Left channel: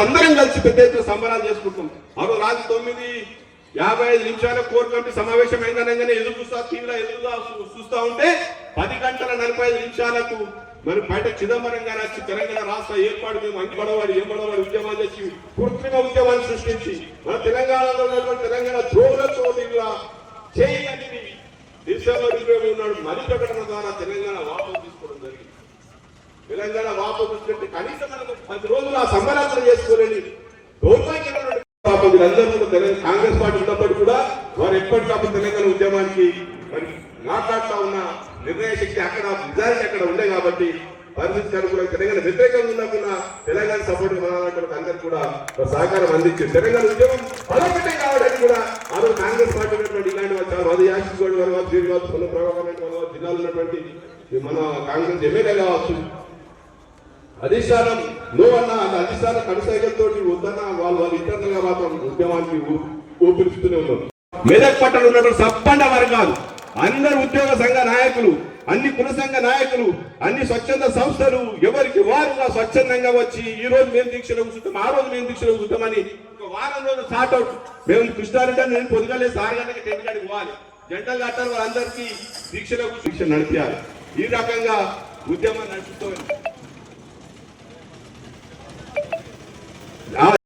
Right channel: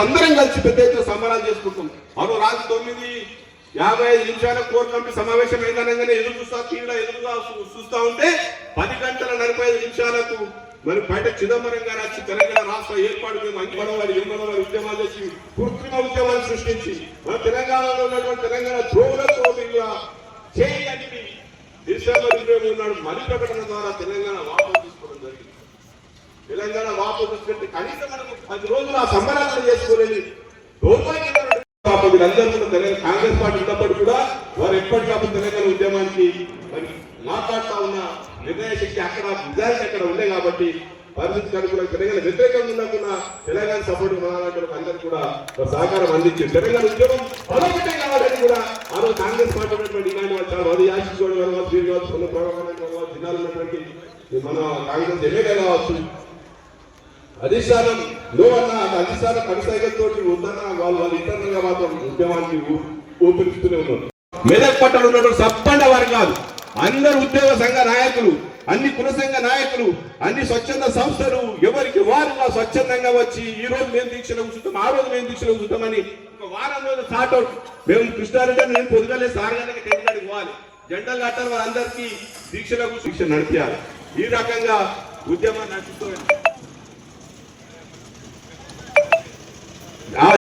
అందరం కలిసి పెద్ద ఎత్తున సంబరాలు చేసుకుంటాం. మరో రాత్రి తొమ్మిది యాభై ఐదు నిమిషాల కోర్ కమిటీ సమావేశం అయిందనగానే ఎదురు చూస్తా టీవీలో ఎదురుగా చూస్తా ఉంటే పది గంటల నలభై ఐదు నిమిషాలకు మరి బయట చిదంబరం గారు వచ్చి తెలంగాణ రాష్ట్ర ఏర్పాటు మేము అంకడవారు ఏమడవారు ఉద్యమాలు చేసి కృత్రిమ ఉద్యమాన్ని సృష్టించి మన తెలంగాణలో ఉన్నటువంటి తెలంగాణ ద్రోహుల చోదిగా చేయి డిసెంబర్ ఇరవై ఉన్నాడు. మరి ప్రకటన ద్వారా తెలంగాణ వాపసు తీసుకోవడం రోజులు ఆ సంబరాలను చేసుకోలేని వీళ్ళందరూ కాంగ్రెస్ పార్టీ ఉన్నప్పుడు కూడా వారు ఎప్పటికప్పుడు తెలంగాణ ఉద్యమానికి మరి మాట్లాడుతూ ఉన్న నిర్ణయ శక్తి అక్కడ నిజానికి అక్కడ ఉండే కాబట్టి పరిస్థితి కూడా తెలంగాణ వ్యతిరేకంగా ఉన్నట్టున్న తెలంగాణ సపోర్ట్ మనకు అందరికీ కూడా సహకారం అందించింది. తెలంగాణ ఉద్యమం బలపెట్టే కావడానికి కూడా ఆ రోజు కాంగ్రెస్ పార్టీ ఉన్నటువంటి ఇలాంటి వాళ్ళు అది యాశించుకోవడం వల్ల శ్రీ కావచ్చు కొన్ని ప్రభావం వల్ల జిల్లాలో ఉన్నటువంటి మన కాంగ్రెస్ ఎమ్మెల్యే కావచ్చు అధిష్టానం నువ్వన్నా అధికార కనసాగంతో వద్దన్నా వాళ్ళు వాళ్ళు ఇబ్బందిగా మాత్రం ఉద్యమానికి ఊపిరిస్తునే ఉన్నారు. మెదక్ పట్టణ ఉన్నటువంటి సప్పండ వర్గాలు అందరు ఉద్యోగ సంఘ నాయకులు అన్ని కుల నాయకులు అన్ని స్వచ్ఛంద సంస్థలు ఎవరికి వారుగా స్వచ్ఛందంగా వచ్చి ఈ రోజు మేము దీక్షలో చూద్దాం ఆ రోజు మేము దీక్షలో చూద్దామని వారం వారం రోజులు అవుట్ మేము కృష్ణారెడ్డి నేను పొద్దుగాలే సాగడానికి టెంకాడికి పోవాలి. జంటలు కట్టారు వాళ్ళందరికీ దీక్షలో కూర్చు దీక్ష నడిపారు ఈ రకంగా ఉద్యమం నడుపుతామని